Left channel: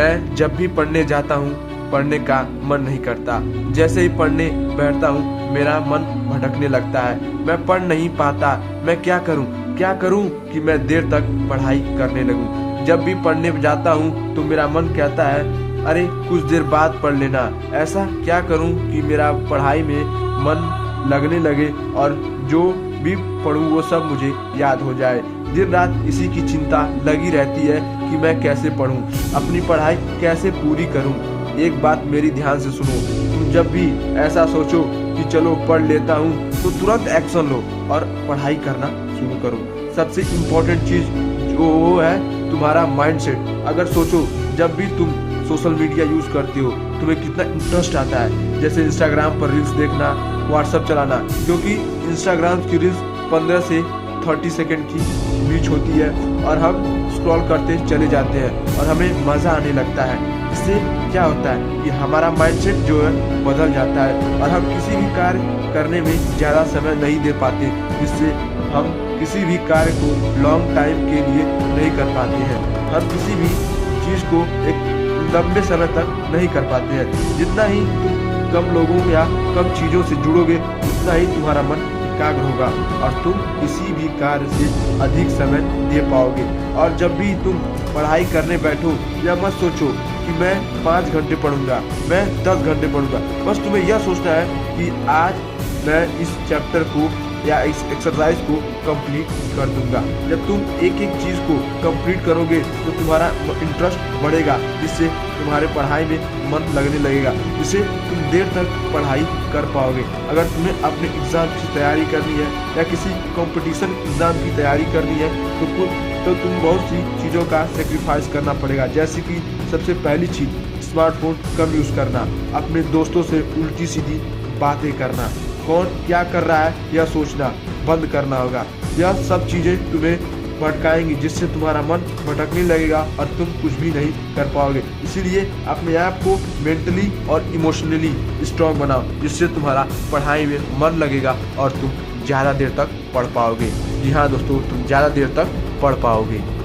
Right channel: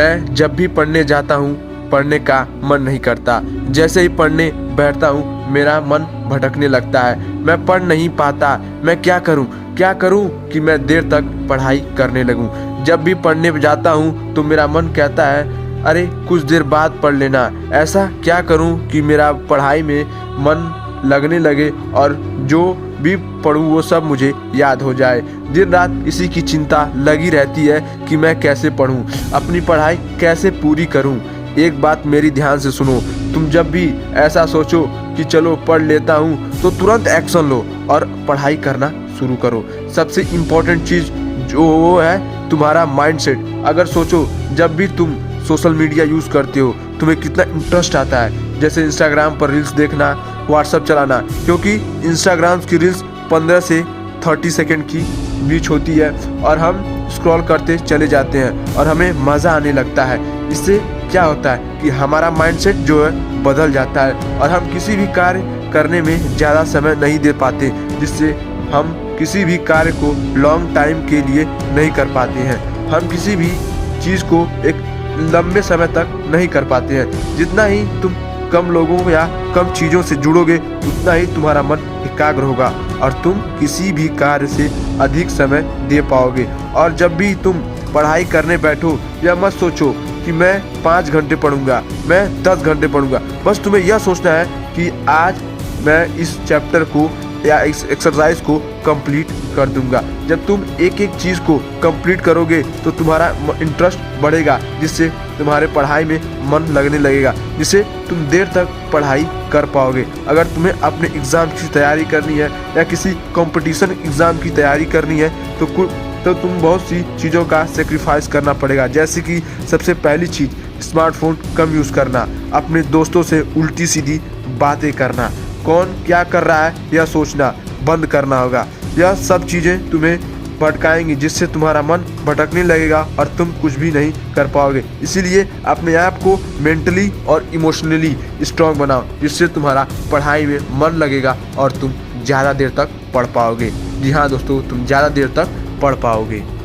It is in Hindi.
मैं जब भी पढ़ने जाता हूँ पढ़ने का मन नहीं करता। जैसे ही पढ़ने बैठता हूँ मेरा मन भटकने लगता है, मैं पढ़ नहीं पाता। मैं क्या करूँ कि मैं देर तक पढ़ाई करने लगूँ। जब भी पढ़ने जाता हूँ तो मेरा मन कहता है अरे कुछ देर बाद पढ़ लेना। ऐसा क्या करूँ कि मेरा पढ़ाई में मन लगने लगे और जो भी पढ़ूँ वो सब मुझे याद हो जाए। दिन रात इसी की चिंता लगी रहती है कि मैं कैसे पढूं, अपनी पढ़ाई कैसे पूरी करूं। एक बात मेरी ध्यान से सुनो, तुम जब भी ऐसा सोचो कि चलो पढ़ लेता हूं तो तुरंत एक्शन लो और पढ़ाई करना शुरू करो। सबसे इम्पोर्टेंट चीज़ जो है तुम्हारा माइंडसेट। अगर सोचो जब भी तुम सोशल मीडिया यूज़ करते हो तुम्हें कितना इंटरेस्ट आता है, जैसे इंस्टाग्राम पर रील्स देखना, व्हाट्सएप चलाना, क्योंकि इंस्टाग्राम की रील्स 15 से 30 सेकंड की बीच होती है और हम स्क्रॉल करते चले जाते हैं और हमें मज़ा आने लगता है। इससे क्या होता है कि हमारा माइंडसेट जो है बदल जाता है और हम किसी भी कार्य करने में ज़्यादा समय नहीं दे पाते, जिससे हम किसी भी कार्य को लॉन्ग टाइम के लिए नहीं कर पाते हैं। हम किसी भी चीज़ को एक लंबे समय तक नहीं कर पाते हैं। जितना ही तुम कम लोगों या कम चीज़ों से जुड़ोगे उतना ही तुम्हारा मन एकाग्र होगा और तुम किसी भी कार्य से अधिक समय दे पाओगे। और जब भी तुम पढ़ाई करने बैठो या मत सोचो कि मैं 5 घंटे पढ़ूंगा, मैं 10 घंटे पढ़ूंगा। बस तुम्हें यह सोचना है कि आज मैं इस चैप्टर को या इस एक्सरसाइज को कंप्लीट कर दूंगा। जब तुम एक एक चीज़ को कंप्लीट करोगे तो तुम्हारा इंटरेस्ट बढ़ेगा, जिससे तुम्हारे पढ़ाई में मन लगने लगेगा, जिससे तुम देर तक पढ़ाई कर पाओगे। अगर तुम्हें अपने एग्ज़ाम की तैयारी करनी है या किसी कंपटीशन एग्ज़ाम की तैयारी करनी है तो तुम बहुत सी चीज़ों का सेक्रीफाइस करना पड़ेगा। जैसे कि सबसे पहली चीज़ स्मार्टफोन कम यूज़ करना, अपने दोस्तों से उल्टी सीधी बातें करना, कौन क्या कर रहा है यह सोचना बंद करना होगा। यह सब चीज़ें तुम्हें भटकाएंगी, जिससे तुम्हारा मन भटकने लगेगा और तुम कुछ भी नहीं कर पाओगे। इसीलिए अपने आप को मेंटली और इमोशनली स्ट्रांग बनाओ, जिससे तुम्हारा पढ़ाई में मन लगेगा और तुम ज़्यादा देर तक पढ़ पाओगे। जी हाँ दोस्तों, तुम ज़्यादा देर तक पढ़ पाओगे।